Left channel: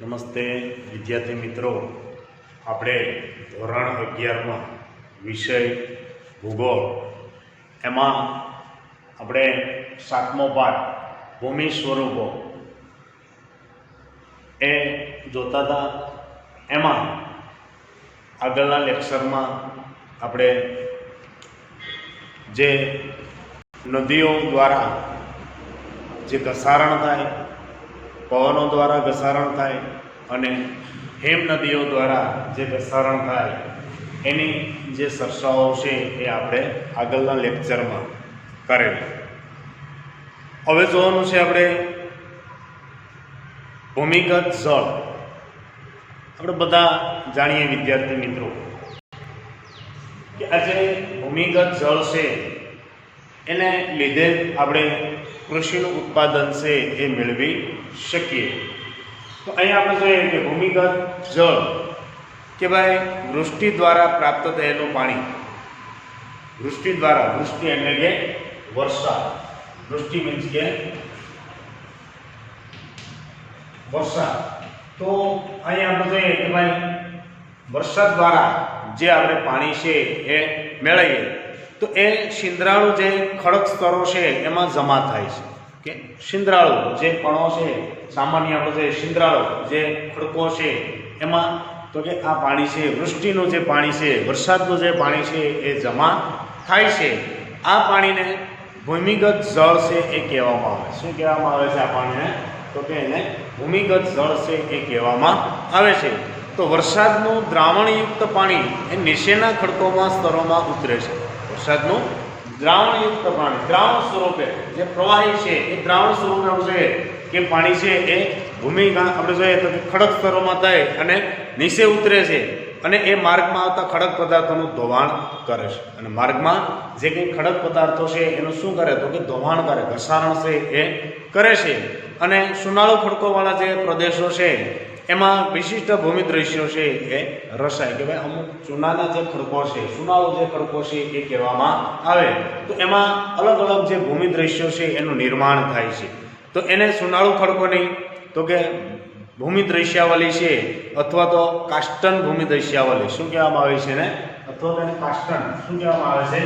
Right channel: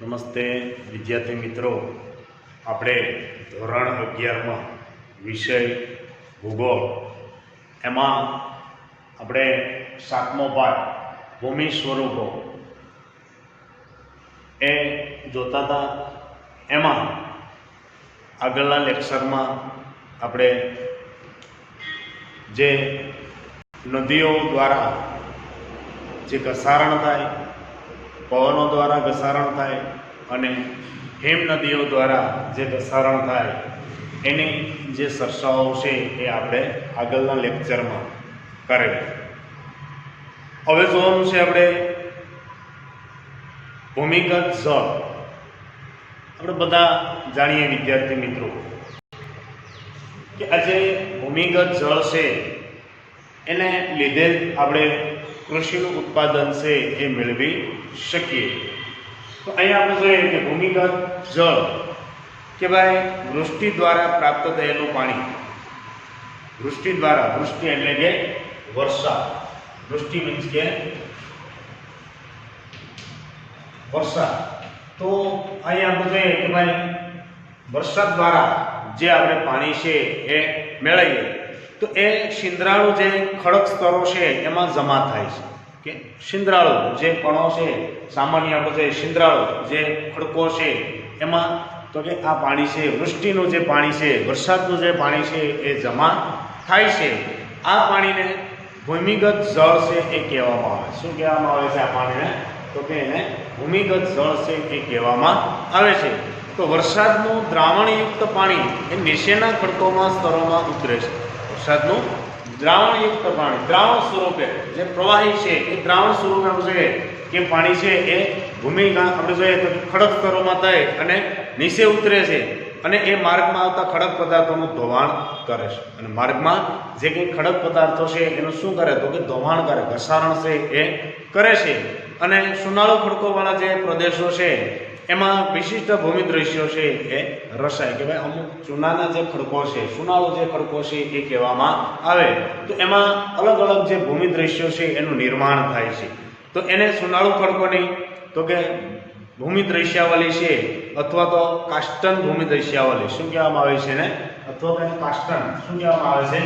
નમસ્તે વિદ્યાર્થી મિત્રો, આપણે ધોરણ 11માં વિષય ભૂગોળ એમાં આપણે 7મો પાઠ ભૂમિ સ્વરૂપો એ જોતા હતા. એમાં આગળના લેક્ચરમાં આપણે જે નદીઓ દ્વારા જે ઘસારણ થાય, પવનો દ્વારા ઘસારણ થાય અને હિમ નદીઓ દ્વારા જે ઘસારણ થાય એની જે ચર્ચાઓ છે એ આપણે આગળના લેક્ચરમાં કરેલી. હવે જોવાનું છે આપણે ભૂમિગત જળ. આપણે બધા જાણીએ વિદ્યાર્થી મિત્રો કે આજે ભૂમિગત જળ છે એને લીધે આપણે કૃષિનું ઉત્પાદન છે એ મેળવી શકીએ. તો અહીંયા આપણે જોઈએ કે ભૂમિગત જળ કે ભાઈ વૃષ્ટિ દ્વારા પ્રાપ્ત થયેલું પાણી. વૃષ્ટિ દ્વારા, વૃષ્ટિ એટલે કે વર્ષા, વૃષ્ટિ મીન્સ કે વર્ષા. તો અહીંયા આપણે જોઈએ કે ભાઈ વરસાદ દ્વારા જે આપણે પાણી છે એ મેળવીએ તો એ શિંદ્રાળુ જે ખડક સ્તરો છે એમાં જમા થાય છે. કે શિંદ્રાળુ જે કણો છે, સામાન્ય આપણે જે શિંદ્રાળુ જે ખડકો છે એમાં તો કે આ પાણી છે, વૃષ્ટિનું જે પાણી છે, વરસાદનું જે પાણી છે એ જમા થાય છે. આ પાણીને ભૂમિગત જળ છે એ કહેવામાં આવે. શું કહેવામાં આવે છે આ પાણીને? તો કે એને ભૂમિગત જળ છે એ કહેવામાં આવે છે. તો વરસાદનું દ્રાવણયુક્ત પાણી એ નીચેના ખડકોમાં સ્તરોમાં ઉતરે છે. વરસાદનું દ્રાવણયુક્ત પાણી, દ્રાવણ સ્વરૂપે જે પ્રવાહી છે એ દ્રાવણ સ્વરૂપે છે કે પાણી છે એ ભૂમિમાં આપણે જોઈએ તો ખડક સ્તરોમાં થાય અને નીચે ઉતરે છે અને એ માર્ગમાં આવતા ખડક પદાર્થોનું ધોવાણ કરે છે. અને માર્ગમાં જે કંઈ ખડક પદાર્થો છે એનું શું કરે તો કે ધોવાણ કરે, ઘસારણ છે એ કરે છે. અને સુનાળુ ખડકોવાળા જે પ્રદેશો છે એમાં વિશિષ્ટ ભૂમિ દ્રશ્યો છે એ રસાય કે ભાઈ અમુક ચૂનાના જે ખડકો છે, સુનાળુ જે ખડકો છે એ કહેવામાં આવે. તો એમાં અલગ અલગ જે ભૂમિ દ્રશ્યો છે એનું નિર્માણ થાય છે. તો એને સુનાળુ ખડકોની તો કે ભૂમિ દ્રશ્યાવલી છે અથવા તો કાસ્ટન ભૂમિ દ્રશ્યાવલી શું કહેવામાં આવે છે એને? અથવા તો કાસ્ટન શું કહેવામાં આવે છે?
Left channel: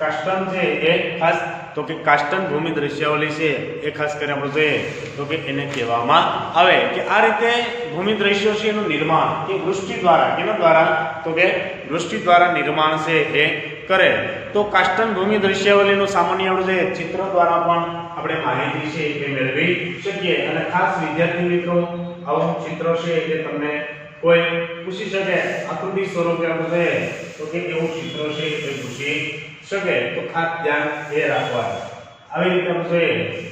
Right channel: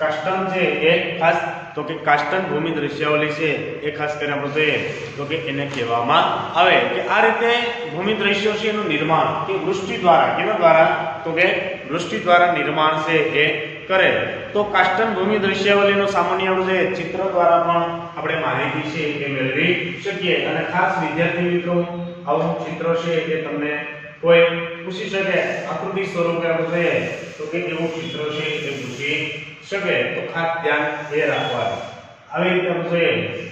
કાસ્ટન છે એ ખાસ તો કે કાસ્ટન ભૂમિ દ્રશ્યાવલી છે એ ખાસ કરીને આપણે જોઈએ તો કે એને કહેવામાં આવે કે આ રીતે ભૂમિ દ્રશ્યો છે એનું નિર્માણ કે વૃષ્ટિ દ્વારા, કેના દ્વારા? તો કે વૃષ્ટિ દ્વારા નિર્માણ છે એ કરે. તો કાસ્ટન ભૂમિ દ્રશ્યાવલીનું સામાન્ય આપણે ચિત્ર દ્વારા પણ આપણે માહિતી છે એ મેળવી શકીએ. અને ખાસ વિદ્યાર્થી મિત્રો આવું ચિત્ર છે કે તમને કોઈ પૂછી શકે, આકૃતિ સ્વરૂપે આપણે જોઈએ તો કે એવું ચિત્ર છે એ પૂછી શકે. તો ખાસ ધ્યાન એ રાખવાનું. આવી રીતે આપણે જોઈએ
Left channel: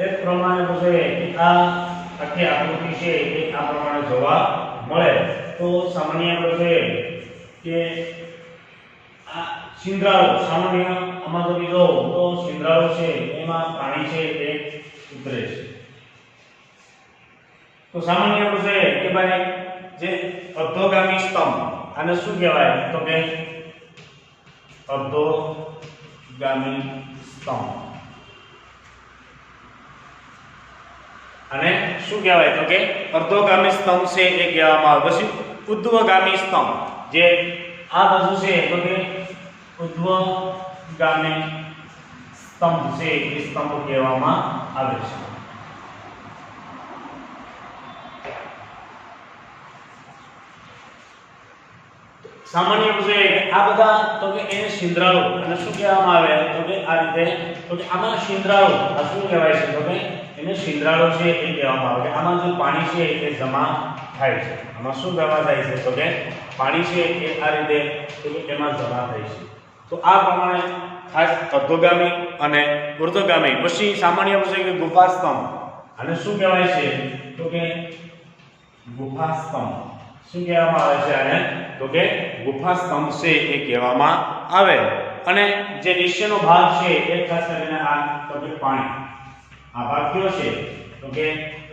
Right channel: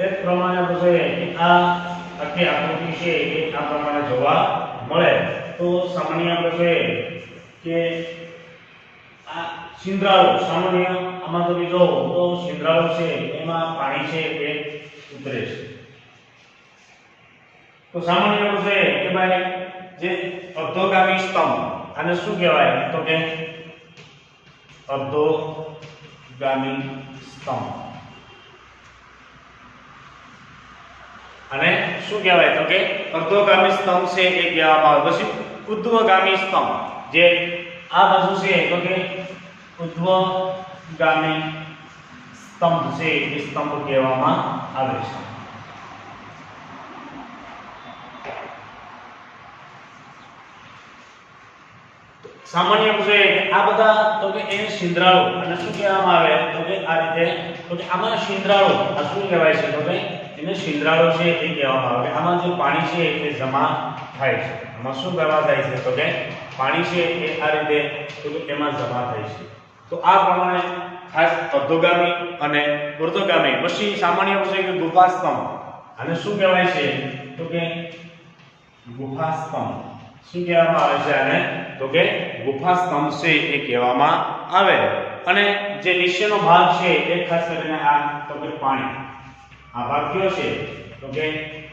એક પ્રમાણે આપણે જોઈએ કે આ આખી આકૃતિ છે એ આ પ્રમાણે જોવા મળે. તો સામાન્ય આપણે જોઈએ કે આ શિંદ્રાળુ, સામાન્ય આમાં તમે જો તો શિંદ્રાળુ છે એમાં પાણી છે એ ઉતરે છે. તો સામાન્ય આપણે જોઈએ કે ભાઈ જે અર્ધોગામી સ્તંભ, આને શું કહેવાય તો કે અર્ધોગામી સ્તંભ. અને શું કહેવાય તો કે અર્ધોગામી સ્તંભ છે એ કહેવામાં આવે. પછી ઉર્ધ્વગામી સ્તંભ, જે આ બાજુ છે તો કે ઉર્ધ્વગામી સ્તંભ છે એ સ્તંભ કહેવામાં આવે છે. સામાન્ય છે કે આ બધા તો કે એને શિંદ્રાળુ અને શું કહેવામાં આવે તો કે આ રીતે તો કે આમાં શિંદ્રાળુ આ શું કહેવાય છે તો કે એને શિંદ્રાળુ છે એ કહેવામાં આવે કે આમાં જે પાણી છે એ જમા થાય છે. આમાં શું જમા થાય છે તો કે પાણી છે એ આ રીતે તો કે એમાં જમા થાય છે. તો આ પ્રમાણે ખાસ અધોગામી અને ઉર્ધ્વગામી. પછી સામાન્ય છે કે ગુફા સ્તંભ, આને શું કહેવાય છે તો કે ગુફા સ્તંભ. શું કહેવામાં આવે છે આને તો કે ગુફા સ્તંભ છે એ કહેવામાં આવે. અને જે નીચેનો ભાગ છે એ ખાસ કરીને આ તો કે પાણી. આ ભાગ કયો છે તો કે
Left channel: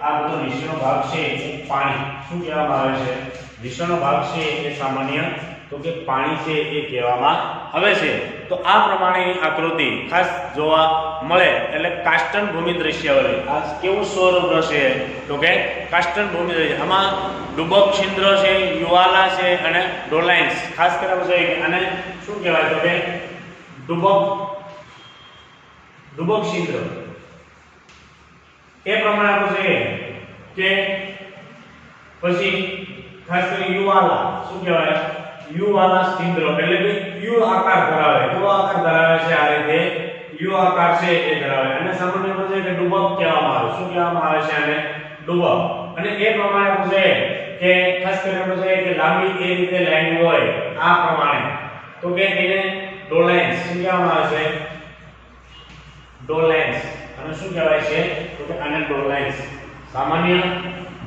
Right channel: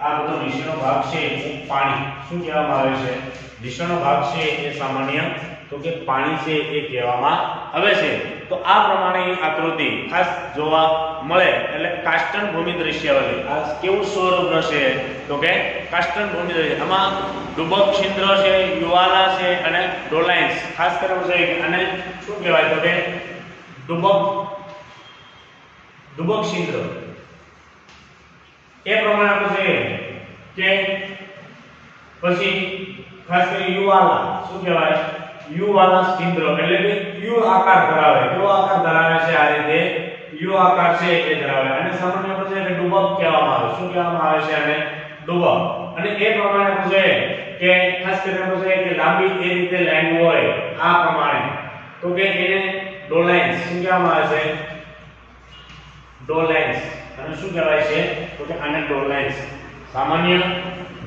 આ બધો નીચેનો ભાગ છે એ પાણી. શું કહેવામાં આવે છે નીચેનો ભાગ છે એ સામાન્ય તો કે પાણી છે એ કહેવામાં આવે છે. તો આ પ્રમાણેની આકૃતિ ખાસ જોવા મળે એટલે કાષ્ટન ભૂમિ દૃશ્યાવલી. આ કેવું સ્વરૂપ રહેશે તો કે કાષ્ટન ભૂમિ દૃશ્ય. આમાં ડુબક છિદ્ર છે, યુવાલા છે અને ડોલાઇન્સ ખાસ કરીને છે. અને શું કહેવાય તો કે ડુબક છિદ્ર એ પ્રમાણે આપણે છે કે પછી ખાસ કરીને યુવાલા. શું કહેવાય યુવાલા છિદ્ર એટલે કે યુ આકાર ધરાવે. કેવો આકાર ધરાવે છે આ રીતે યુ આકાર છે એ ધરાવે. અને સામાન્ય આપણે છે કે ડુબક કહેવામાં આવે. શું કહેવામાં આવે છે આને ડુબક. અને એ પ્રમાણે આપણે કે ખાસ કરીને આપણે કે લાંબી એ રીતે લાઈન હોય આ પ્રમાણે તો કે એને ડોલાઇન્સ. શું કહેવામાં આવે છે ડોલાઇન્સ. અને શું કહેવાય છે તો કે આને ડોલાઇન્સ. સામાન્ય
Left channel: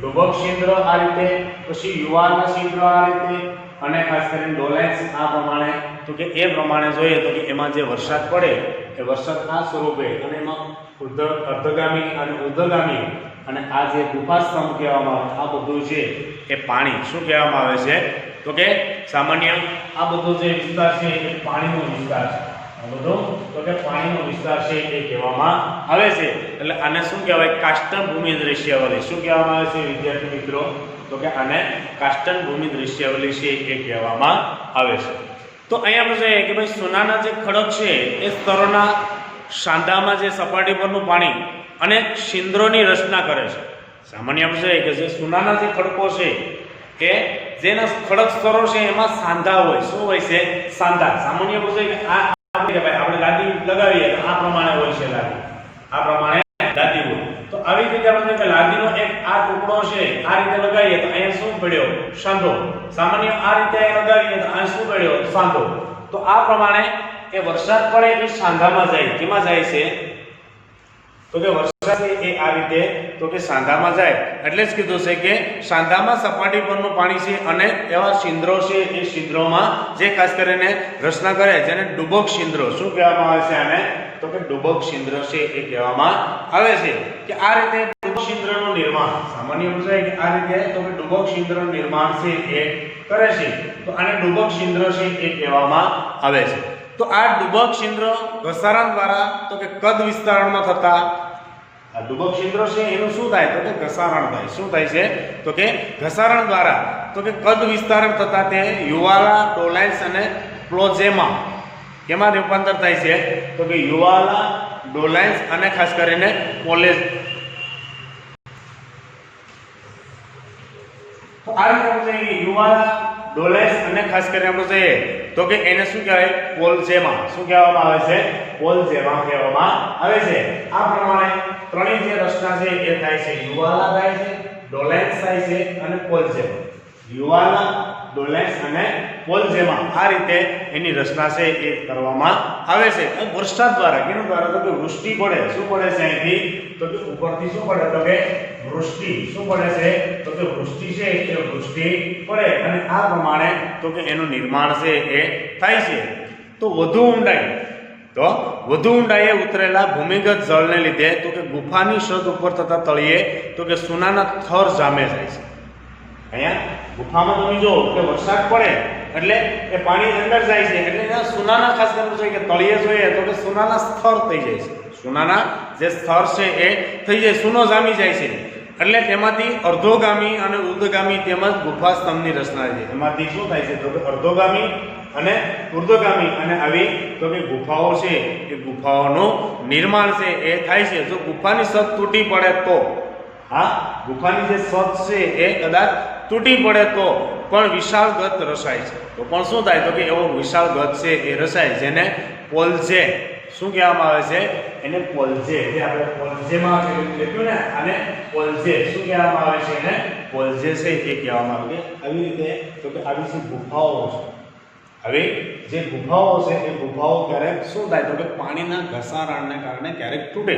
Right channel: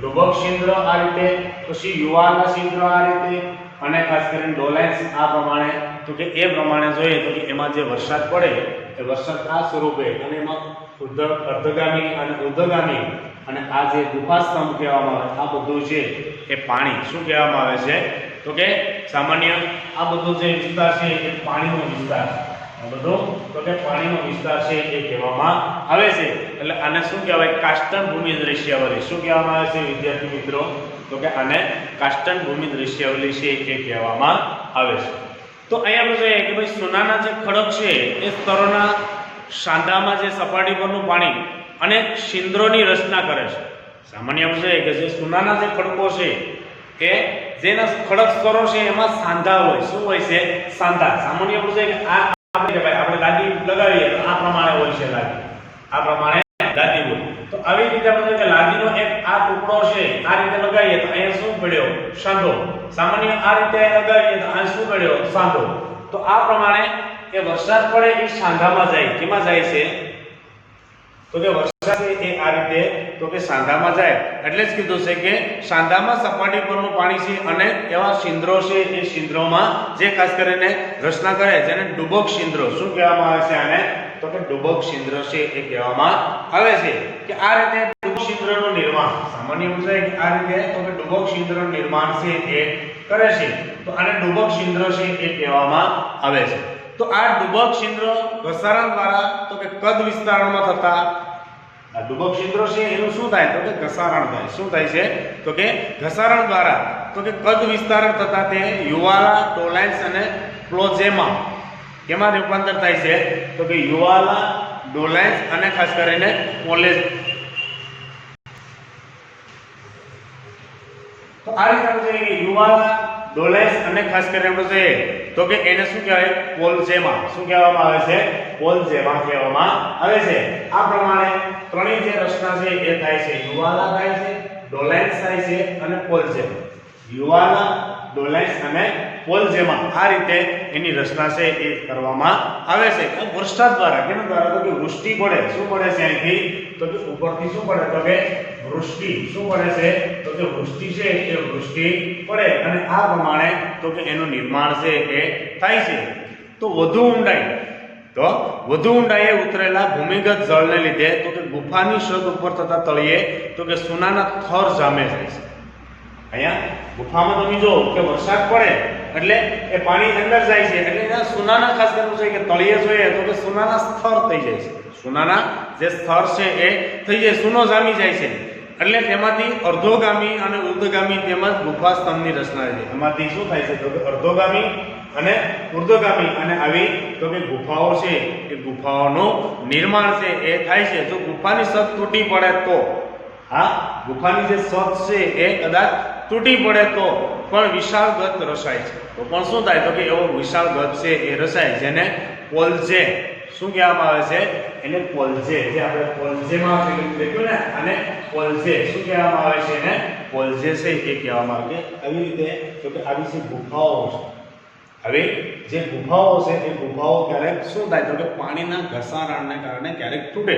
ડુબક છિદ્ર આ રીતે, પછી યુવાલા છિદ્ર આ રીતે અને ખાસ કરીને ડોલાઇન્સ આ પ્રમાણે. તો કે એ પ્રમાણે જોઈએ તો કે એમાં જે વરસાદ પડે એ વરસાદ આ સ્વરૂપે અને એમાં અર્ધગામી અને ઉર્ધ્વગામી અને આ જે ગુફા સ્તંભ કહેવામાં આવે આ બધું છે એ પાણી. શું કહેવામાં આવે છે તો કે સામાન્ય આ બધો જે વિસ્તાર છે એ પાણીનો વિસ્તાર છે. આ બધો તો કે પાણીનો વિસ્તાર છે એ કહેવામાં આવે છે. એટલે આને શું કહેવાય કાષ્ટન ભૂમિ દૃશ્યાવલી. શું કહેવામાં આવે છે વિદ્યાર્થી મિત્રો તો કે આને કાષ્ટન ભૂમિ દૃશ્યાવલી છે એ કહેવામાં આવે છે. તો અહીંયા આપણે જોઈએ કે ભાઈ સોનાના જે ખડક છે એ સ્તરોના સાંધામાં જે સપાટી પરનું પાણી અને છિદ્રોની રચના કરે છે. સામાન્ય આપણે જોઈએ કે જે સોનાના જે ખડકો છે એ જેના ખડક સ્તરો છે એમાં સાંધા હોય. શું હોય છે સાંધા. સામાન્ય આપણે જોઈએ કે આ આપણે લાદી લગાવીએ તો આ પ્રમાણે હોય છે લાદી. આ પ્રમાણે લાદી હોય. તો આવી રીતે આપણે કે લાદીનો એક આ ટુકડો છે આ રીતે લગાવીએ તો અહીંયા શું પડ્યો સાંધો. સામાન્ય આ રીતે લગાવીએ તો અહીંયા શું પડ્યો સાંધો. તો આ પ્રમાણે એ વરસાદ પડે એ સાંધામાં જાય. કેમાં જાય છે તો કે વરસાદ એ આ રીતે તો કે સાંધામાં જાય. એટલે જ કીધું છે કે સાંધામાં સપાટી પરનું પાણી છે અને એવા છિદ્રો છે એ છિદ્રોમાં જે ખાસ કરીને રચના કરે જેને ડુબક છિદ્રો. શું કહેવામાં આવે છે આને તો કે ડુબક છિદ્ર છે એ કહેવામાં આવે છે. કે આ રીતે ડુબક છિદ્રનું નિર્માણ સામાન્ય સમજાય કે આ રીતે તો કે ડુબક છિદ્રનું નિર્માણ છે એ કરે છે. તો આને ડુબક છિદ્ર છે એ કહેવામાં આવે છે. તો આ ડુબક છિદ્ર ઘસારણ દ્વારા તો કે કદ વિસ્તારણમાં થતા આ ડુબક છિદ્ર છે એનું શું થાય તો કે ઘસારણ થાય. શું થાય છે તો કે ઘસારણ દ્વારા તો કે કદ વિસ્તારણ થતા તે યુવાલા, ડોલાઇન્સ અને પ્લોઝેમા કેમાં રૂપાંતર થાય છે તો કે યુવાલા, ડોલાઇન્સ અને ખાસ કરીને પોલેજ. તો આ રીતે આપણે જોઈએ કે યુવાલા, ડોલાઇન્સ અને ખાસ કરીને આપણે જોઈએ તો કે એને શું કહેવાય પોલઝેમા. શું કહેવામાં આવે છે પોલઝેમા કહેવામાં આવે છે. આ પ્રમાણે ત્રણેય જે રચના છે એ થાય છે યુવાલા થાય છે, ડોલાઇન્સ થાય છે અને પોલઝેમા. યુવાલા, ડોલાઇન્સ અને પોલઝેમા આ રીતે એની રચના છે એ કરવામાં આવે છે. વરસાદ દ્વારા કેનું દ્વારા તો કે વૃષ્ટિ પડે. શું પડે છે અહીંથી તો કે ઉપરથી શું પડે તો કે વૃષ્ટિ. શું પડે છે તો કે વૃષ્ટિ છે એ વૃષ્ટિ પડે અને આ પ્રમાણે તો કે એનું નિર્માણ છે એ થાય છે. તો વધુ ઊંડાઈએ ઉતરેલા ભૂમિગત જળને લીધે તો કે ગુફાની છત ઉપર થતા તળિયે તો કે સોનાના થર જામે જાય છે. અહીંયા ગુફામાં તમે જો કે વરસાદ પડે એટલે એ પાણી અંદર જાય છે એટલે એના સોનાના ખાસ કરવું છે કે તળિયે જોઈએ તો કે સોનાના સ્તર થઈ જાય છે. સોનાના જે સ્તર છે એ થઈ જાય, સોનો જામી જાય છે. એટલે તેમાંથી અર્ધોગામી અને ઉર્ધ્વગામી તેમજ ગુફા સ્તંભની રચના છે. એમાંથી શું થાય છે તો કે અર્ધોગામી અને ઉર્ધ્વગામી અને આવી તો કે ગુફાઓ છે એ ગુફાઓનું નિર્માણ છે એ થાય છે. જો ગુફાની છત તૂટી પડે તો ગુફાની જે છત છે એ કદાચ તૂટી પડે તો પણ વિશાળ ગત રસાય છે. તો પણ શું થાય તો કે એવો વિશાળ ગત છે એ રસાય જેને પોલઝે શું કહેવામાં આવે છે એને પોલઝે. જે આપણે પોલઝેમાં લખ્યું ને આને પોલઝે શું કહેવામાં આવે છે એને પોલઝે છે એ કહેવામાં આવે. આવી રીતે તો કે આવી જે ગુફાઓ છે હવે જે ગુફાઓ છે એ ગુફાઓ ક્યારેક શું થાય તો કે પાણીના ઘસારણને કારણે ક્યારેક તૂટે.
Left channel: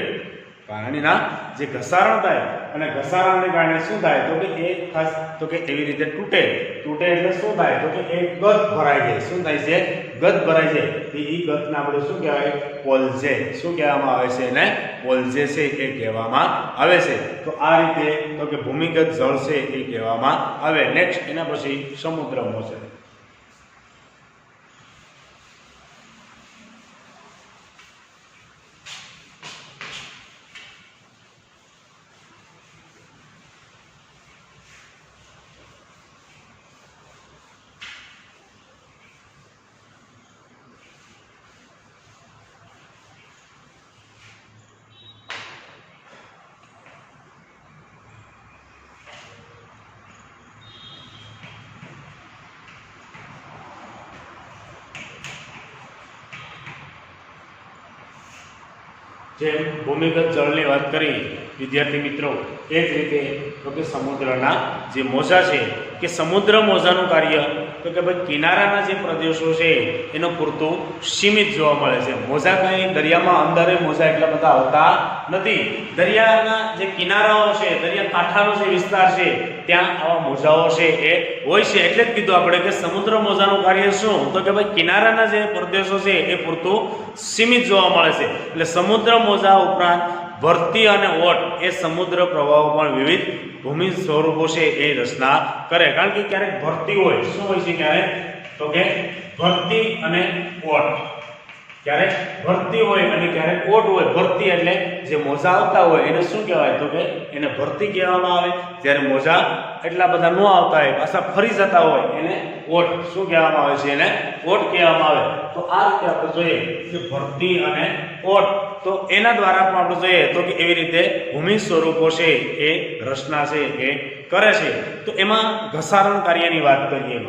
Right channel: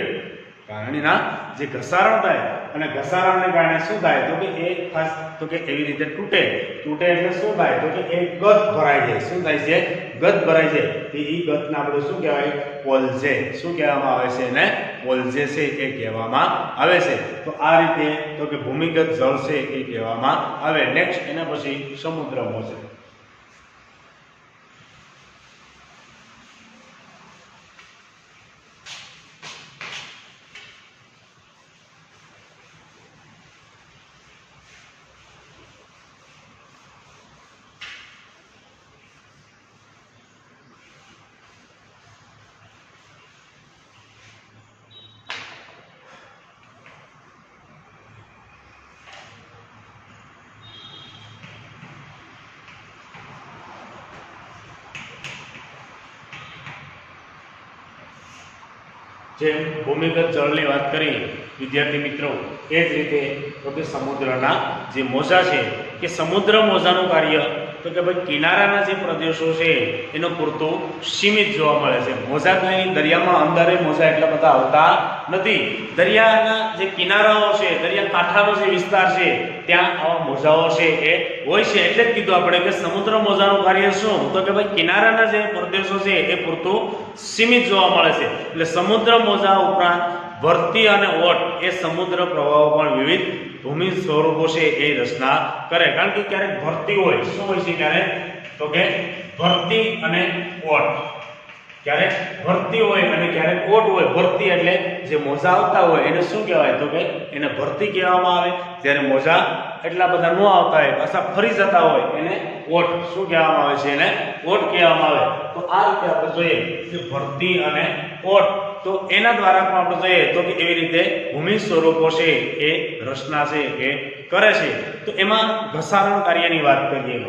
પાણીના જે ઘસારણ થાય અને ઘસારણને કારણે શું થાય તો કે એ ખાસ તો કે એવી રીતે તૂટે એટલે શું થાય તો કે એ ગત ભરાઈ જાય. શું થાય છે? ગત ભરાઈ જાય. એ ગતને આપણે શું કહેવાય? પોલજે. શું કહેવામાં આવે છે? એને પોલજે છે એ કહેવામાં આવે છે. તો આ રીતે તો કે ભૂમિગત જળ છે એ કહેવામાં આવે. નેક્સ્ટ એના પછી સમુદ્રમાં છે. જેમ ભૂમિગત જળની વાત કરી વિદ્યાર્થી મિત્રો, એ જ રીતે તો કે સમુદ્રના જે મોજા છે કે સમુદ્ર મોજાનું કાર્ય તો કે ભાઈ કિનારાના જે પ્રદેશો છે એનો પૂરતું સીમિત જોવા મળે છે. મોજા કાંઈ દરિયામાં અંદરે મોજા એટલા બધા આવતા નથી. દરિયાના જે કિનારાઓ છે, દરિયા કાંઠાનો જે વિસ્તાર છે ત્યાં આવા મોજાઓ છે એ હોય છે. એટલે જ કીધું આપણે કે સમુદ્ર મોજાનું કાર્ય શું તો કે ભાઈ કિનારાના જે પ્રદેશો છે એ પૂરતું સીમિત જોવા મળે છે. એટલે સમુદ્ર મોજા ઉપરાંત ભરતી અને ઓટ એ સમુદ્ર પ્રવાહો પણ વિવિધ ભૂમિ સ્વરૂપો છે એ રચના કરે. કારણ કે ક્યારેક ભરતી હોય, શું હોય છે ક્યારેક તો કે ભરતી અને ઓટ, ક્યારેક ભરતી હોય અને ક્યારેક ઓટ હોય. ભરતી એટલે જે મોજા આવતા હોય એને શું કહેવાય તો કે એને ભરતી કહેવામાં આવે. જ્યારે મોજા એટલા બધા ન આવતા હોય, પાછા ફરી જતા હોય એને ઓટ શું કહેવામાં આવે છે? એને ઓટ કહેવામાં આવે. તો આ રીતે આપણે જોઈએ કે ભરતી અને ઓટ, તો એના દ્વારા પણ આપણે જોઈએ તો કે એવી રીતે ભૂમિ સ્વરૂપો છે એ રચના છે એ કરે છે. તો એમાં ઘસારણ કાર્યની વાત કરીએ.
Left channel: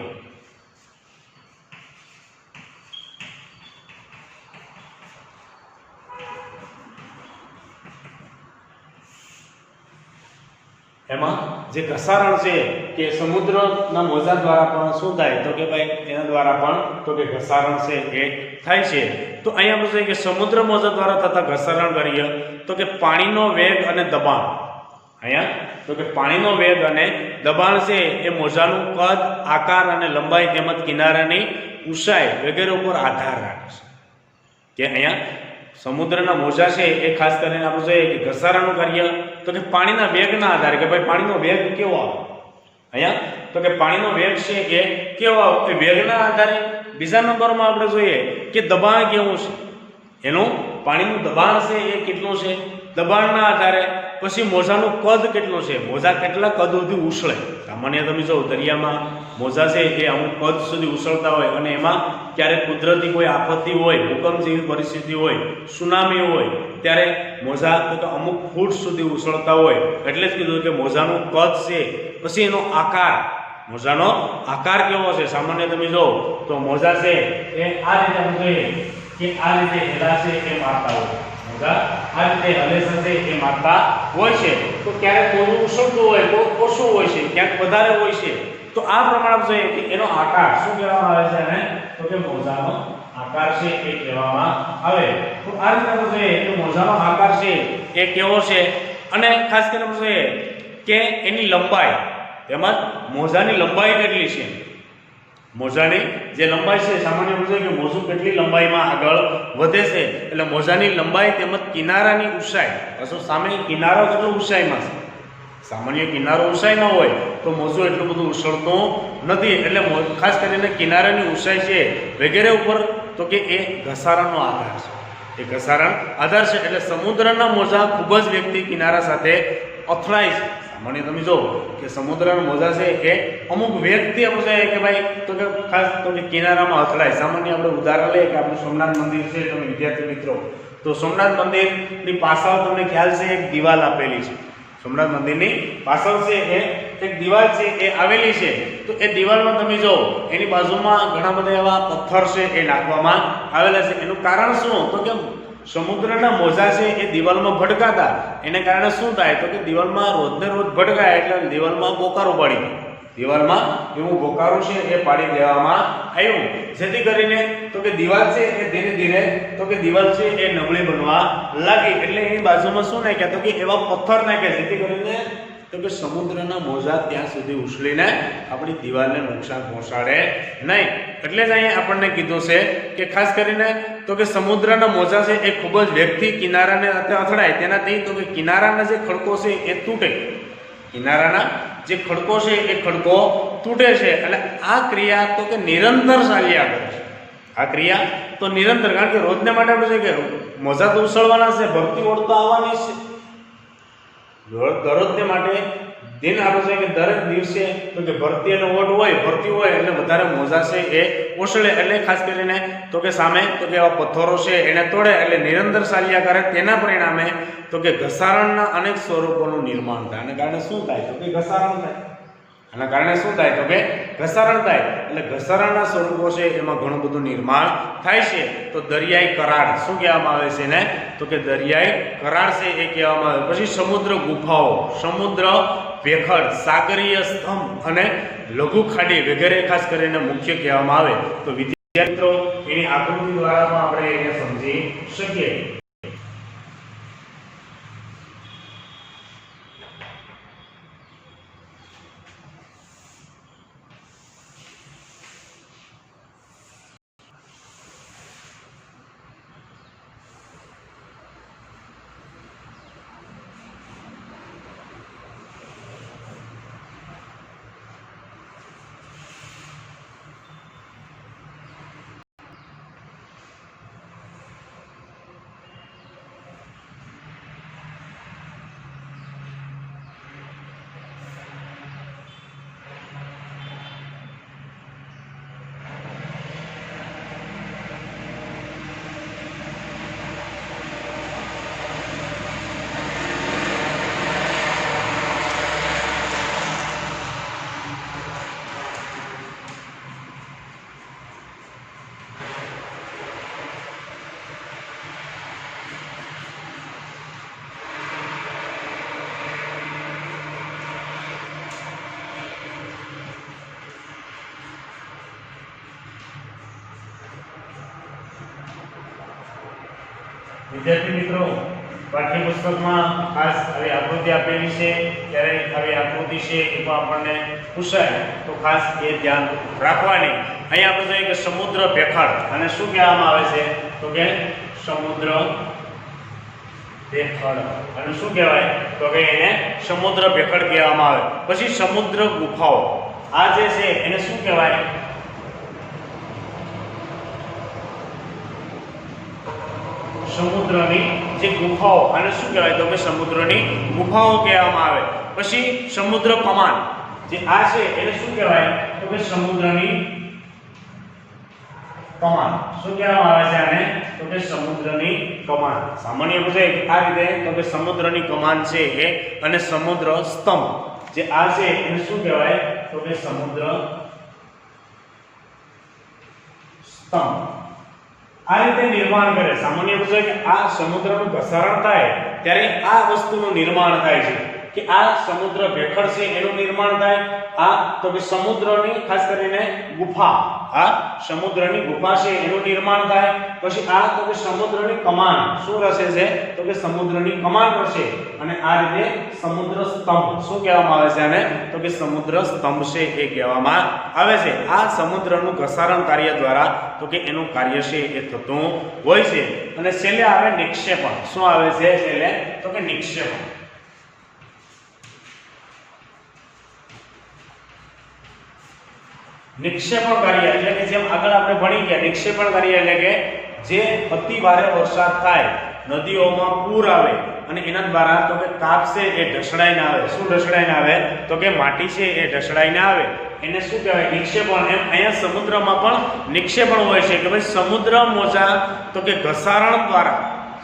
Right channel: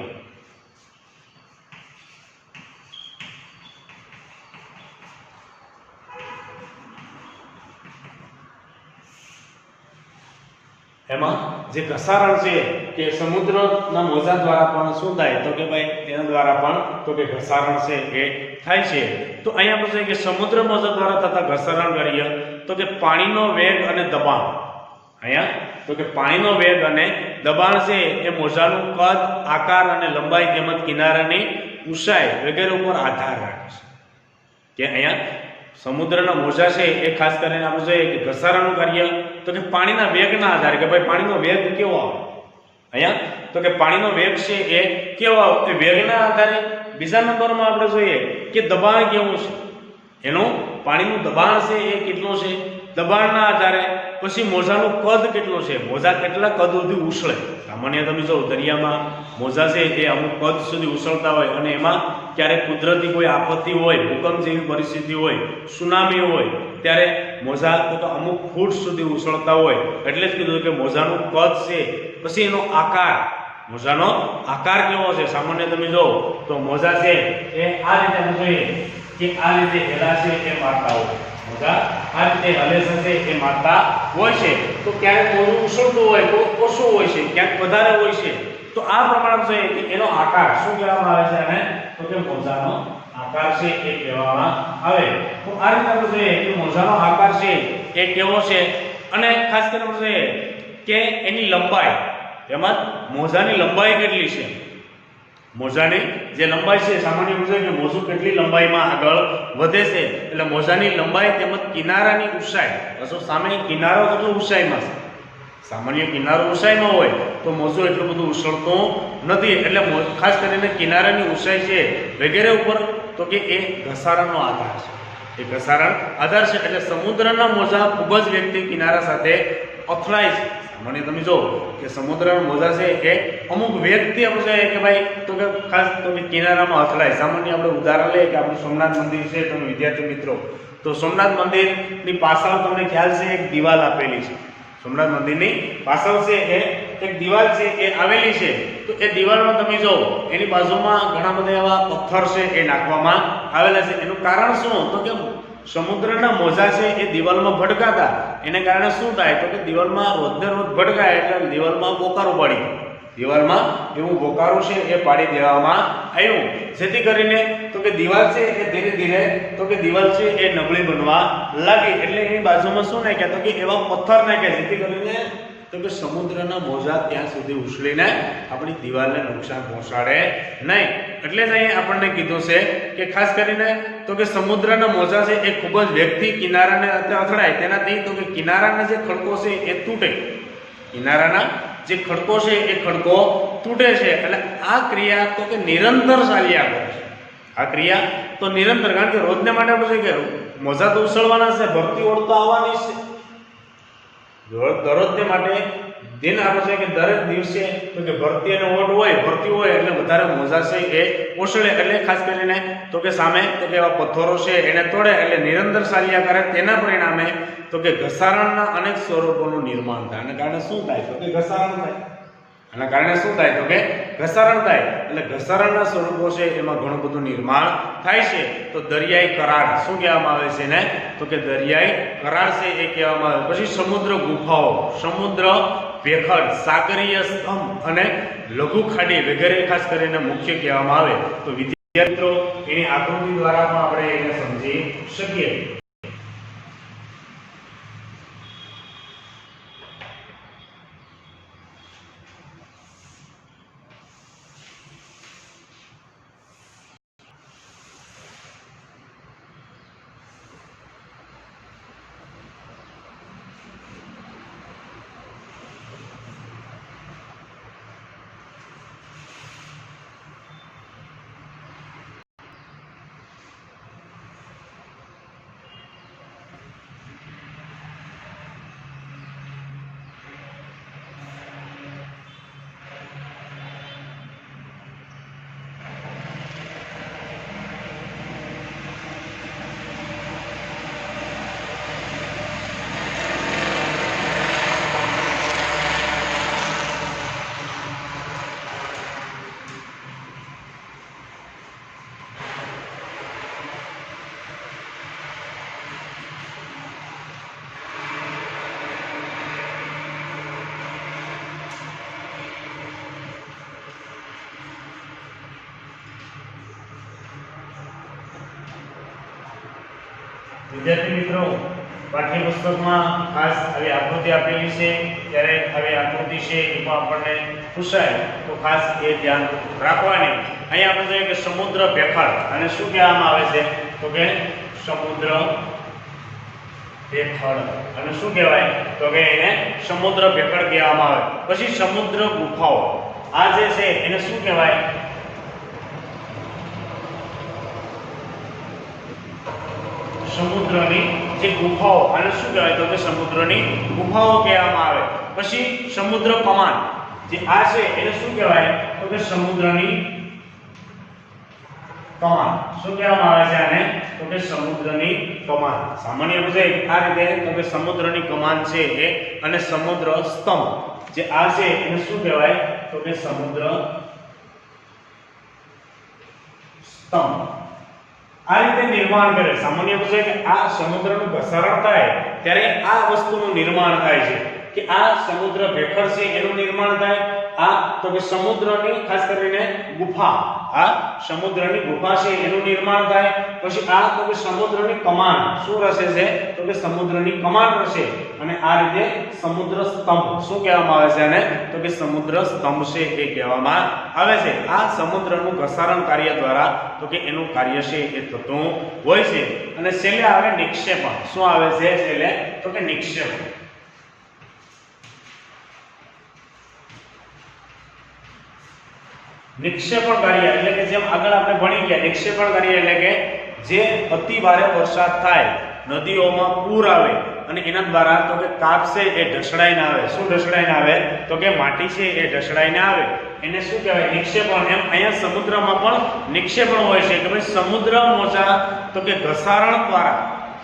એમાં જે ઘસારણ છે કે સમુદ્રના મોજા દ્વારા પણ શું થાય તો કે ભાઈ એના દ્વારા પણ તો કે ઘસારણ છે એ થાય છે. તો અહીંયા આપણે જોઈએ કે સમુદ્ર મોજા દ્વારા થતા ઘસારણ કરીએ તો કે પાણીનો વેગ અને દબાણ. અહીંયા તો કે પાણીનો વેગ અને દબાણ છે એ મોજાનું કદ, આકાર અને લંબાઈ તેમજ કિનારાની ઊંચાઈ વગેરે ઉપર આધાર રાખે છે. કે અહીંયા સમુદ્રના મોજા છે એ ખાસ કરીને આપણે જોઈએ કે ઘસારાનું કાર્ય તો કે પાણીના વેગના આધારે, કે ભાઈ પાણીનો વેગ કેવો આવે. અહીંયા તો કે પાણીનો વેગ છે એ કેવો આવે એ વેગના આધારે. બીજા નંબરમાં આપણે જોઈએ કે દબાણ કેવું છે, એનું પાણીનું દબાણ છે એ કેટલું છે, દબાણના આધારે. પછી મોજાનું કદ કેટલું છે, મોજા કેટલા કદ સુધી ઉછળે. સામાન્ય તમે જો દરિયામાં મોજા છે એ અમુક કદ સુધી ઉછળતા હોય અને એમાં ક્યારેક કુદરતી કોઈ આપત્તિ હોય, ભૂકંપ જેવી પરિસ્થિતિ હોય, સુનામી હોય, ત્યારે મોજા તો અમુક ફૂટ સુધી ઉછળતા હોય. એટલે જ કીધું કે મોજાનું કદ છે. પછી એનો આકાર, મોજાનો આકાર કેવો છે. સામાન્ય તમે જો તો મોજા છે એ આ રીતે આપણે જોઈએ કે આ રીતે હેલા છે એ મારતા હોય. મોજા આ રીતે હલેસા છે એ મારતા હોય છે. તો ક્યારેક મોજું ઉછળતું હોય તો ઓછું હોય છે, ક્યાંક વધારે હોય છે. તો આ પ્રમાણે જોઈએ કે એનો આકાર શું કહેવામાં આવે છે અને તો કે મોજાનો આકાર છે એ કહેવામાં આવે. તો આ રીતે આપણે જોઈએ કે મોજાનો આકાર છે એ કેવો છે અને ખાસ કરીને જોઈએ કે એની લંબાઈ, એમાં મોજાની લંબાઈ કેટલી છે. મોજાની જે લંબાઈ છે, સામાન્ય આપણે જોઈએ કે મોજું કેટલી લંબાઈમાં આગળ વધે છે. એટલે મોજાની લંબાઈ તેમજ કિનારાની ઊંચાઈ, પાછો સામે કિનારો કેટલો ઊંચાઈમાં છે. સામાન્ય કિનારો ઊંચાઈમાં હોય તો મોજું એટલું બધું ઉછળતું નથી. એટલે ખાસ કરીને કિનારાની ઊંચાઈ છે વગેરે ઉપર તો કે એ ઘસારણનો આધાર છે. એ ઘસારણ આધાર છે. એટલે સમુદ્રના મોજા ખૂબ જ વ્યક્તિ કિનારા સાથે અથડાય છે. સામાન્ય તમે જો કે સમુદ્રના મોજા છે એ અમુક વ્યક્તિ આપણે કે ભાઈ તો કે ખાસ તો કે કિનારામાં અથડાય. સામાન્ય આપણે ઉદાહરણ લઈએ કે આપણું સોમનાથ મંદિર છે. તમે વિદ્યાર્થી મિત્રો તો સોમનાથ મંદિરની પાછળ તમને ખ્યાલ છે એક દિવાલ આપેલી છે. સોમનાથ મંદિરની પાછળ છે એ એક દિવાલ છે એ આવેલી છે. તો એ દિવાલમાં તમે જો એની બાજુમાં ઘણા બધા એવા પથ્થર છે એ નાખવામાં આવેલા છે. એનું કારણ શું તો કે સમુદ્રના મોજા છે એ દિવાલમાં ભડકાતા, એને કારણે શું થાય તો કે દિવાલમાં રોજને રોજ ભડકાય એટલે દિવાલમાં પોકારો પડી. દિવાલમાં એવું બોકારું છે એ પાડી દેવામાં આવ્યું, જેથી કરીને તો કે દિવાલ છે એ ધીરે ધીરે તો કે દિવાલ છે એ નબળી બનવા લાગી. એટલે એની બાજુમાં શું નાખ્યા તો કે એવા પથ્થર નાખ્યા, જેથી કરીને તો કે સમુદ્રના મોજા ત્યાં સુધી ઉછળીને આપણી દિવાલને નુકસાન પહોંચાડે નહીં. એટલે જ અહીંયા આપણને કીધું છે કે ખાસ કરીને તો કે સમુદ્રના મોજા છે એ ખૂબ જ વેગથી કિનારાને અથડાય, તેનાથી તો કે કિનારાના જે ખડકો છે એ તૂટે, કિનારાના જે ખડકો છે એ ખડકો તૂટે છે. એટલે આ ક્રિયા તો કે નિરંતર ચાલ્યા કરે છે. આ ક્રિયા તો નિરંતર, કારણ કે રોજને માટે આપણે કે મોજા તો ઉછળવાના છે, ભરતી ઓળ તો આવવાની છે. દરરોજને માટે દિન આપણે કે દરેક દિવસે તો કે ભરતી અને ઓટ હોય, ભરતી હોય એટલે વધારે મોજા છે એ ઉછળે. એટલે ખાસ કરીને તો કે સામે તો કે એવા પથ્થરો છે એને તોડે, એટલે નિરંતર ચાલ્યા કરે. તેના પરિણામે તો કે ઘસારણના અનેક સ્વરૂપોનું નિર્માણ થાય. આના કારણે શું થાય તો કે ઘસારણ થાય. આના કારણે શું થાય તો કે ઘસારણ થાય. એટલે ઘસારણના સ્વરૂપો છે એમાં ઘણું બધું નિર્માણ થાય છે. તો દરિયાઈ કરાડ શું કહેવામાં આવે છે ને તો કે દરિયાઈ કરાડ છે એ કહેવામાં આવે. પછી સમુદ્ર ગુફાઓ, સમુદ્ર ભેખડ, સાગરીય સ્તંભ અને લઘુ ખાડી વગેરે ખાસ કરીને મુખ્ય કહેવામાં આવે. તો વિદ્યાર્થી મિત્રો એની આકૃતિ દ્વારા પણ આપણે એને સમજી શકીએ. વિદ્યાર્થી મિત્રો, પાઠ્યપુસ્તકમાં ખાસ આવી આકૃતિ આપેલી છે, ત્યારે આવી આકૃતિ છે એ પણ આપણને પૂછાય તો ખાસ એ ધ્યાન રાખવાની. અહીંયા આપણે જોઈએ કે સમુદ્ર ભેખડ, અને શું કહેવામાં આવે છે તો કે સમુદ્ર ભેખડ, અને શું કહેવાય તો કે એને સમુદ્ર ભેખડ કહેવામાં આવે. પછી સમુદ્ર ગુફાઓ, આ જે છે એને શું કહેવાય સમુદ્રની જે ગુફાઓ, આને શું કહેવાય તો કે સમુદ્રની ગુફાઓ કહેવામાં આવે. પછી સમુદ્ર કમાન, જે આ છે એને શું કહેવાય તો કે સમુદ્રની કમાન. શું કહેવામાં આવે છે આને તો કે સમુદ્રની કમાન. સામાન્ય રીતે આ રીતે તો કે સમુદ્રની કમાન છે એ, અને સમુદ્ર સ્તંભ જે આ છે એને શું કહેવાય તો કે સમુદ્ર સ્તંભ. આ રીતે નિર્માણ કરે. સામાન્ય રીતે કે આ સમુદ્રનું ઘસારણ થાય ત્યારે આ વસ્તુનું નિર્માણ થાય છે, કે આ સમુદ્ર ભેખડ છે એનું નિર્માણ થાય. આ તો કે સમુદ્રની ખાસ કરીને ગુફા, આ સમુદ્રની ગુફા છે એનું નિર્માણ થાય. પછી આ તો કે સમુદ્રની કમાન, શું રચે છે તો કે સમુદ્રની કમાન રચે. અને આ રીતે સમુદ્ર સ્તંભ, શું કહેવામાં આવે છે આને તો કે સમુદ્ર સ્તંભ છે એ કહેવામાં આવે છે. આ સમુદ્રનું ઘસારણ કાર્ય દ્વારા તો કે એનું કાર્ય છે એ થતું હોય છે. અને છેલ્લે આવે નિક્ષેપણ. શું આવે છે છેલ્લે તો કે નિક્ષેપણ. નિક્ષેપણ કાર્ય એટલે કે જેમ આગળ આપણે ભણી ગયા, નિક્ષેપણ કાર્ય એટલે કે જે અતિ ભારે વરસાદ થાય, નદીઓમાં પૂર આવે અને એના દ્વારા તો કે તાપ છે એ ઢસડાઈને આવે. શું ઢસડાઈને આવે તો કે માટી છે એ ઢસડાઈને આવે, એને શું કહેવાય નિક્ષેપણ. એમ અહીંયા સમુદ્રમાં પણ નિક્ષેપણ હોય છે કે ભાઈ સમુદ્ર મોજા તો કે ઘસારણ દ્વારા,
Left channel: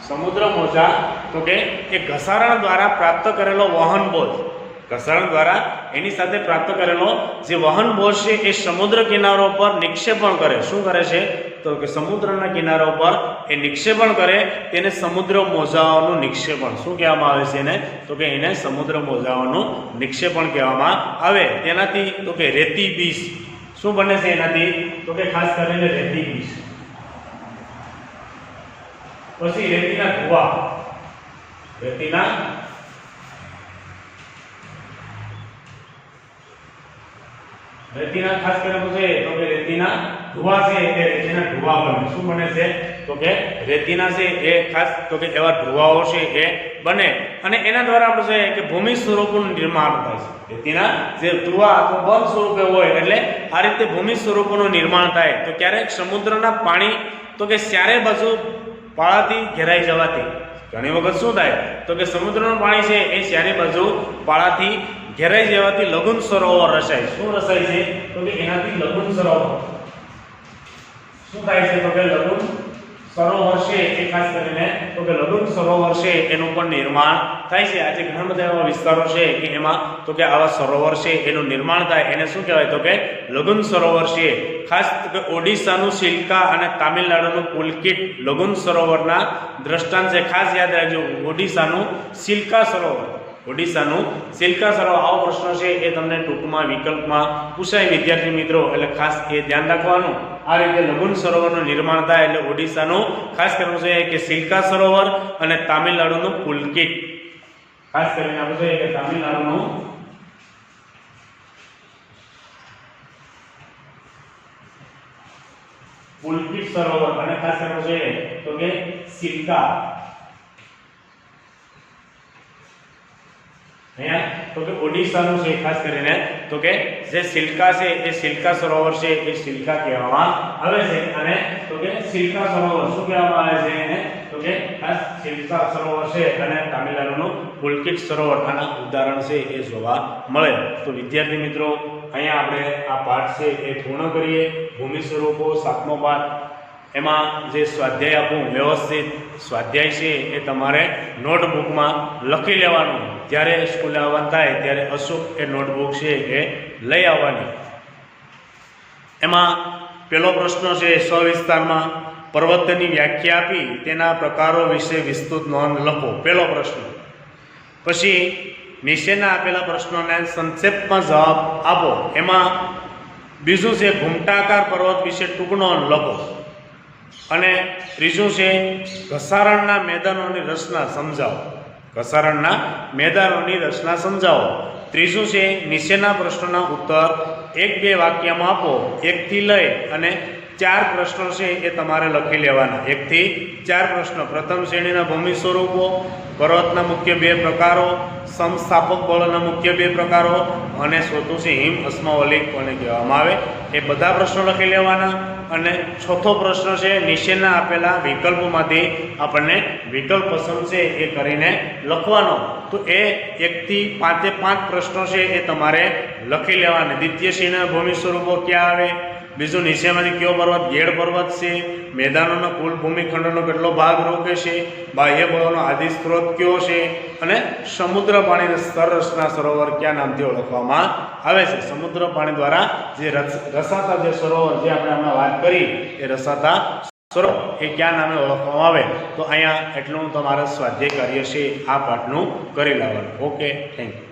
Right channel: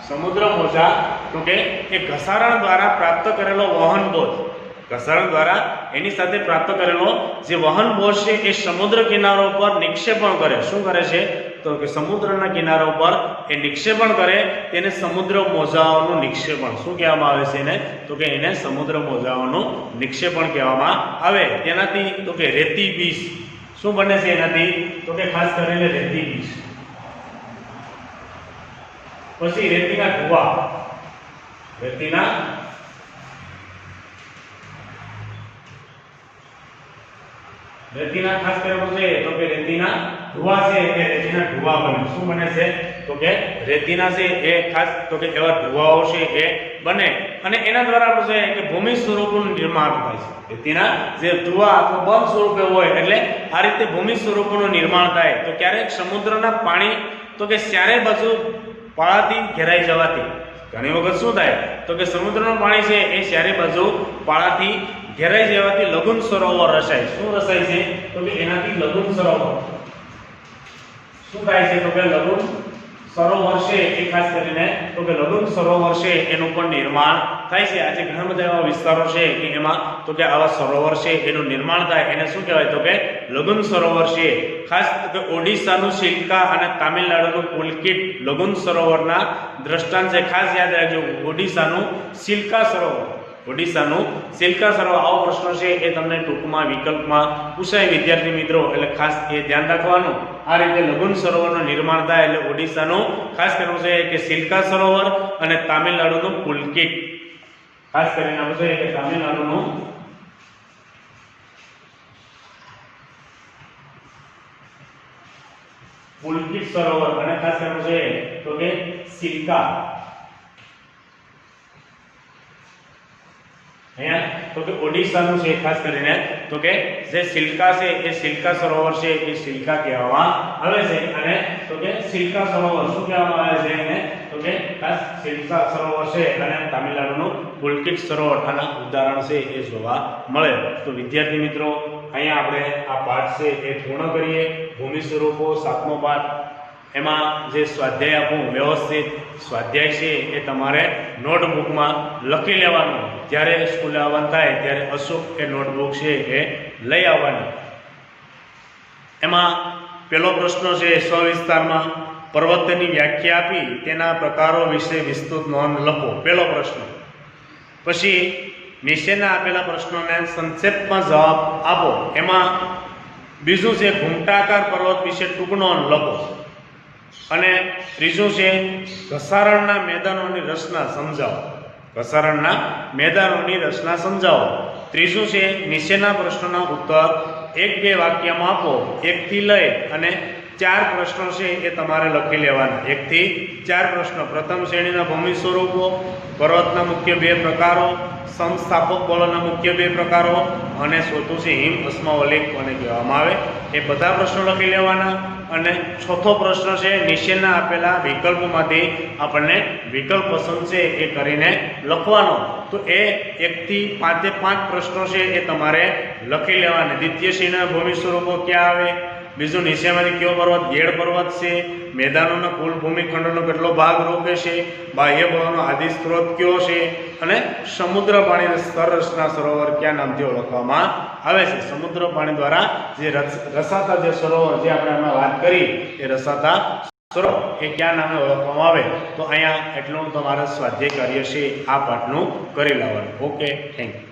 સમુદ્ર મોજા તો કે એ ઘસારણ દ્વારા પ્રાપ્ત કરેલો વહન બોજ, ઘસારણ દ્વારા એની સાથે પ્રાપ્ત કરેલો જે વહન બોજ છે એ સમુદ્ર કિનારો પર નિક્ષેપણ કરે. શું કરે છે તો કે સમુદ્રના કિનારા ઉપર એ નિક્ષેપણ કરે તેને સમુદ્ર મોજાઓનું નિક્ષેપણ શું કહેવામાં આવે છે એને? તો કે એને સમુદ્ર મોજાઓનું નિક્ષેપણ કહેવામાં આવે. તેનાથી તો કે રેતી બીજ શું બને છે એનાથી? તો કે ખાસ કરીને રેતી બીજ. પછી રેતીના ધુવા, રેતીના ખાસ કરીને તો કે રેતીના ધુવા છે એ રેતીના ધુવા બને. શું બને છે? તો કે રેતીના છે એ ખાસ તો કે એવા ધુવાઓ છે એ બને અને એના દ્વારા આપણે જોઈએ કે ભૂમિ સ્વરૂપોનું નિર્માણ થાય છે. રેતીના જે ધુવા તો બંધ સ્વરૂપે હોય એટલે આ રીતે ભૂમિ સ્વરૂપોનું નિર્માણ થાય. તો ક્યારેક સમુદ્રના પાણી તો કે ચારે બાજુ પાળાથી ઘેરાઈ જવાથી ઘણી વખત શું થાય? તો કે સમુદ્રનું પાણી છે એ ચારે બાજુ પાળાથી ઘેરાઈ જવાથી લઘુન સરોવર રચાય. શું રચાય છે? તો કે એનાથી લઘુન સરોવર શું થાય છે? તો કે લઘુન સરોવર છે એ ખાસ કરીને તો કે લઘુન સરોવર છે એનું પણ નિર્માણ થાય છે. આજે ઘણા બધા એવા વિસ્તારો છે કે એમાં તો કે આવા સરોવર છે એનું નિર્માણ થાય એને શું કહેવાય? તો કે લઘુન સરોવર છે. ખાસ તો કે ઓડિશાનું સિલ્કા અને તામિલનાડુનું પુલકિત લઘુન સરોવરના દ્રષ્ટાંત છે. ખાસ યાદ રાખજો ઓડિશાનું સિલ્કા સરોવર. ઓડિશાનું સિલ્કા સરોવર આવો પ્રશ્ન છે એ તમને ટૂંકમાં વિકલ્પમાં પૂછાય વિદ્યાર્થી મિત્રો, એટલે ખાસ એ ધ્યાન રાખવાનું. આ રીતે લઘુન સરોવરનું નિર્માણ થાય એટલે ઓડિશાનું ખાસ કરવું છે કે સિલ્કા સરોવર અને તામિલનાડુનું પુલકિત. ખાસ કરીને આપણે જોઈએ કે તામિલનાડુનું પુલકિત સરોવર અને ખાસ કરવું છે તો કે સિલ્કા. અહીંયા તો કે ઓડિશાનું છે ખાસ કરીને તો કે જે સિલ્કા છે એ સિલ્કા સરોવર છે એ સિલ્કા કહેવામાં આવે છે. અને તો કે સિલ્કા સરોવર શું કહેવામાં આવે છે એને? તો કે ખાસ સિલ્કા સરોવર છે અને તામિલનાડુનું પુલકિત સરોવર આના ઉદાહરણ છે એ જોવા મળે. તો વિદ્યાર્થી મિત્રો અહીંયા આપણે આ પાઠ છે એ પૂર્ણ કરીએ. ભૂમિ સ્વરૂપો 7મો પાઠ. એમાં જે સ્વાધ્યાય આપું વ્યવસ્થિત સ્વાધ્યાય છે એ તમારે નોટબુકમાં લખી લેવાનું. જ્યારે સ્કૂલે આવવાનું થાય ત્યારે અચૂક એ નોટબુક છે એ લઈ આવવાની. એમાં પહેલો પ્રશ્ન છે સવિસ્તારમાં પર્વતની વ્યાખ્યા આપી તેના પ્રકારો વિશે વિસ્તૃત નોંધ લખો. પહેલો પ્રશ્ન. પછી નીચેના આપેલા પ્રશ્નોને સંક્ષેપમાં જવાબ આપો. એમાં બીજું છે ઘૂમટાકાર પર્વત વિશે ટૂંક નોંધ લખો. અને ત્રીજું છે ઘસારણના મેદાનોની રચના સમજાવો. ઘસારણના મેદાનોની રચના સમજાવો. ત્રીજું છે નીચેના પ્રશ્નોના ઉત્તર 1-2 વાક્યમાં આપો. 1 થી લઈ અને 4 પ્રશ્નો છે એ તમારે લખી લેવાના. 1 થી 4 પ્રશ્નો. પ્રથમ શ્રેણીના ભૂમિ સ્વરૂપો, પર્વતના મુખ્ય 2 પ્રકારો, સમસ્થાપક બળોના મુખ્ય 2 પ્રકારો અને ચોથું છે હિમ અસ્માવલિક કોને કહેવામાં આવે એ બધા પ્રશ્નો લખી લેવાના. અને ચોથો પ્રશ્ન છે નીચેના આપેલા વિકલ્પોમાંથી આપણને વિકલ્પ પસંદ છે એ કરીને લખવાનો. તો એ 1 થી 5 પ્રશ્નો છે એ તમારે લખી લેવાના. દ્વિતીય શ્રેણીના ભૂમિ સ્વરૂપો ક્યાં આવે? બીજું નીચેમાંથી કયો પર્વત ગેડ પર્વત છે? મેદાનોના કુલ ભૂમિખંડનો કેટલો ભાગ રોકે છે? બાહ્ય બળોનો આદિ સ્ત્રોત કયો છે? અને સમુદ્ર પાણીના સ્તર રચના સરોવર કયા નામથી ઓળખવામાં આવે છે? સમુદ્ર પાણી દ્વારા જે રસાતા જે સરોવર જે આપણે હમણાં વાત કરી એ રસાતા સરોવર એ કયા નામે ઓળખવામાં આવે? તો અહીંયા એટલું તમારે સ્વાધ્યાય કાર્ય છે આ પાઠનું કરી લાવવાનું. Okay, thank you.